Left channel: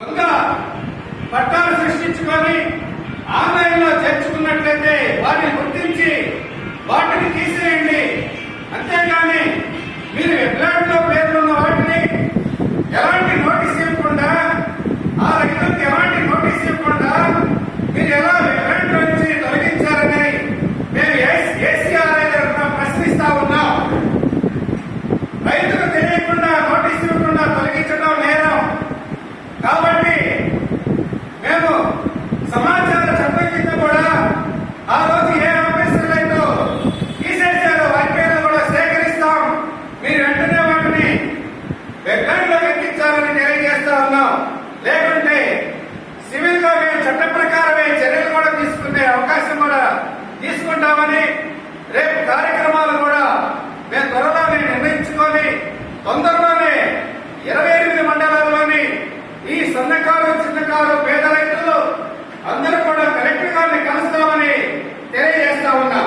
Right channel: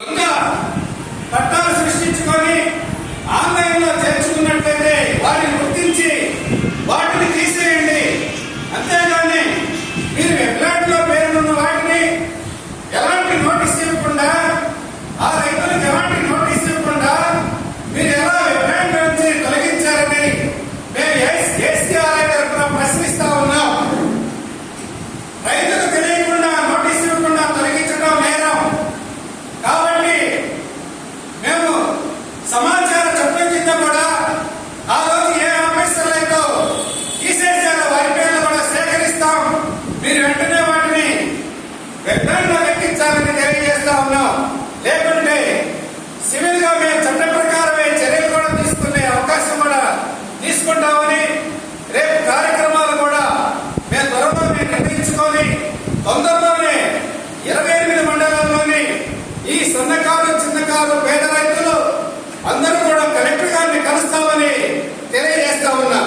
దొంగ పట్టాలు సృష్టించుకొని ఆన్లైన్లో చేర్చుకున్నట్లయితే వాటిని గుర్తించి వాటిని తీసేయండి. అంతేగాని మీరు వెబ్లాండ్లో పేర్కొన్న వాటిని ఎలాంటి నోటీస్ ఇవ్వకుండా, ఆ రైతులకు ఎలాంటి నోటీస్ ఇవ్వకుండా మీరు ఎలా వెబ్లాండ్ నుంచి తొలగించారని మేము ఏసీఆర్ఐ తరఫున ప్రశ్నిస్తా ఉన్నాం. రైతులకు తెలియకుండా నోటీస్ ఇవ్వకుండా తొలగించడం నేరం. కాబట్టి మేము సమాచార చట్టం కింద కూడా ఆ రోజు ఏ ఆఫీసర్లు అయితే తీసేసారో వారి పేర్లు కూడా సేకరిస్తాం. మీరు వెంటనే వాటిని వెబ్లాండ్ లో ఎక్కించాలని తెలియజేస్తా ఉన్నాం. లేకుంటే సివిల్ గా మేము చట్ట ప్రకారమే చర్యలు కూడా తీసుకునే అవకాశం కూడా తీసుకుంటామని, రేపు కార్యక్రమాలు కూడా మేము త్వరలోనే నిర్ణయించుకొని తొందరలోనే 28 మండలాల్లోని ఈ సన్నకారు, చిన్నకారు, పేద రైతులు అందరూ కూడా కలెక్టర్ గారిని కలుస్తామని తెలియజేస్తా ఉన్నా.